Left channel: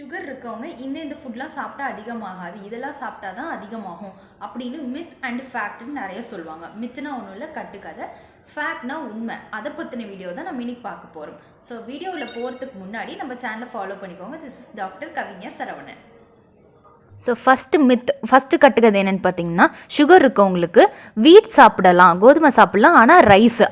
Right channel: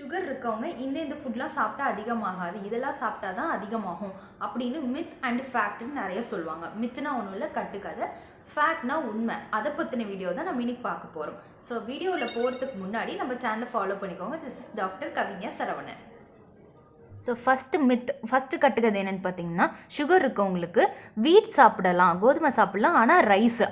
Sugar இருக்கவங்க இந்த ஃபுட்லாம் சாப்பிட்டா அதிகமாகாது, இதெல்லாம் சாப்பிட்டா தான் அதிகமாகும் அப்படின்னு மித் அண்ட் ஃபேக்ட்னு நிறைய சொல்லுவாங்க. மித்னா ஒன்றும் இல்லை, கட்டுக்கதை. ஃபேக்ட்னா உண்மை. அதை பற்றின வீடியோ தான் நம்ம இன்னைக்கு பார்க்க போகிறோம். ஸோ வீடியோவில் போகிறதுக்கு முன்னாடி நம்ம சேனலை ஃபாலோ பண்ணிக்கோங்க. This is doctor Kavigna Saravanan. So first கட்டுக்கதை என்னென்னு பார்த்தீங்கன்னா, சுகர் இருக்கவங்களுக்கு வீட் சாப்பிடலாம், கோதுமை சாப்பிடலாம், ஆனால்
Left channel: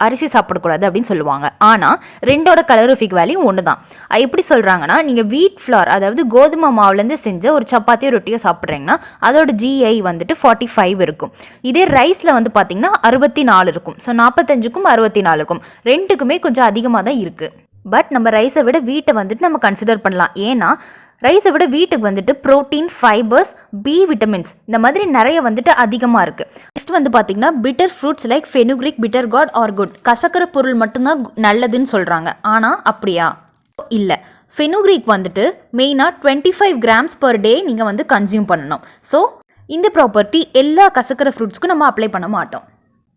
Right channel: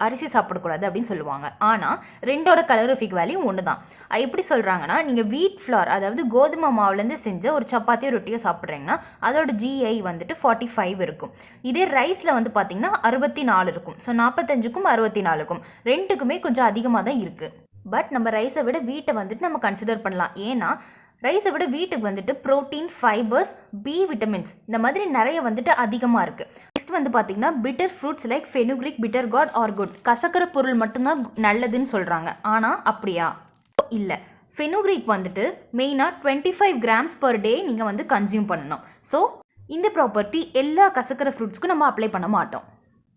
அரிசி சாப்பிடக்கூடாது அப்படின்னு சொல்லுவாங்க. ஆனால் ரெண்டோட கலோரிஃபிக் வேல்யூ ஒன்று தான். எப்படி சொல்கிறாங்கன்னா, நீங்கள் வீட் ஃப்ளார் அதாவது கோதுமை மாவுலேருந்து செஞ்ச ஒரு சப்பாத்தியோ ரொட்டியோ சாப்பிட்றீங்கன்னா அதோட GI வந்துட்டு 45 இருக்கும். இதே ரைஸில் வந்து பார்த்திங்கன்னா 64 இருக்கும். ஸோ 45க்கும் 64க்கும் ரெண்டுக்குமே கொஞ்சம் அதிகமாக தான் இருக்குது. பட் நம்ம ரைஸை விட வீட்டை வந்துட்டு நம்ம கன்சிடர் பண்ணலாம். ஏன்னா ரைஸை விட வீட்டுக்கு வந்துட்டு ப்ரோட்டீன், ஃபைபர்ஸ், B விட்டமின்ஸ் இந்த மாதிரி நிறைய வந்துட்டு அதிகமாக இருக்குது. நெக்ஸ்ட் வந்து பார்த்திங்கன்னா bitter fruits like fenugreek, bitter gourd are good. கசக்கிற பொருள் மட்டும்தான் நல்லதுன்னு சொல்கிறாங்க. ஆனால் அப்படியா? இல்லை. ஃபெனுக்ரிக் வந்துட்டு மெயினாக 25 கிராம்ஸ் பர் டே நீங்கள் வந்து கன்சியூம் பண்ணணும். ஸோ இந்த ப்ராப்பர்ட்டி எல்லா கசக்கிற ஃப்ரூட்ஸ்க்கும் நம்ம அப்ளை பண்ண மாட்டோம்.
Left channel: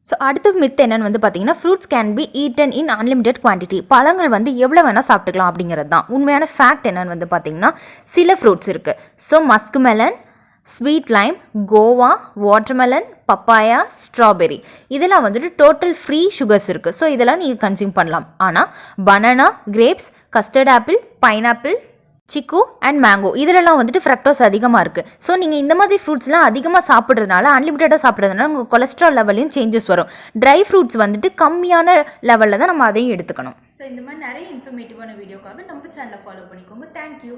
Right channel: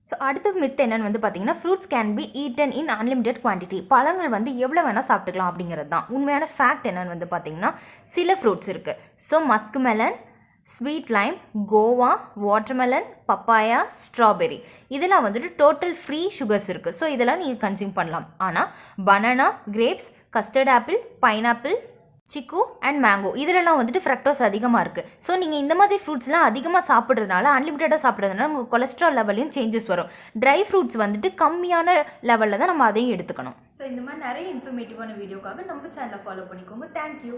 ஸோ அடுத்த மித் என்னென்னு வந்து பார்த்தீங்கன்னா, fruits can be eaten in unlimited quantity. பழங்கள் வந்து எவ்வளோ வேணால் சாப்பிட்டுக்கலாம் அப்படிங்கிறது தான். உண்மையான ஃபேக்ட் என்னென்னு வந்து பார்த்தீங்கன்னா, சில ஃப்ரூட்ஸ் இருக்குது. So musk melon, sweet Lime, Goa, watermelon, papaya, strawberry இதெல்லாம் வந்துட்டு டோட்டல் ஃப்ரீ சுகர்ஸ் இருக்குது. ஸோ இதெல்லாம் நீங்கள் கன்சியூம் பண்ணலாம். ஆனால் banana, grapes, custard apple, pineapple, சிக்கு அண்ட் மேங்கோ இதிலெல்லாம் வந்துட்டு ஃப்ரக்டோஸ் அதிகமாக இருக்குது. ஸோ நீங்கள் இந்த மாதிரி ஃப்ரூட்ஸ்லாம் அதிகமாக சாப்பிட்றதுனால, அன்லிமிட்டடாக சாப்பிட்றதுனால உங்கள் கொலஸ்ட்ரால் லெவலையும் சேஞ்சஸ் வரும். ட்ரை ஃப்ரூட்ஸ் வந்துட்டு கம்மியான லெவலில் தான் நம்ம அதையும் எடுத்துக்கணும். ஸோ இந்த மாதிரி நிறைய இன்ஃபர்மேட்டிவான வீடியோக்காக நம்ம சேனலை ஃபாலோ பண்ணிக்கோங்க. தேங்க்யூ.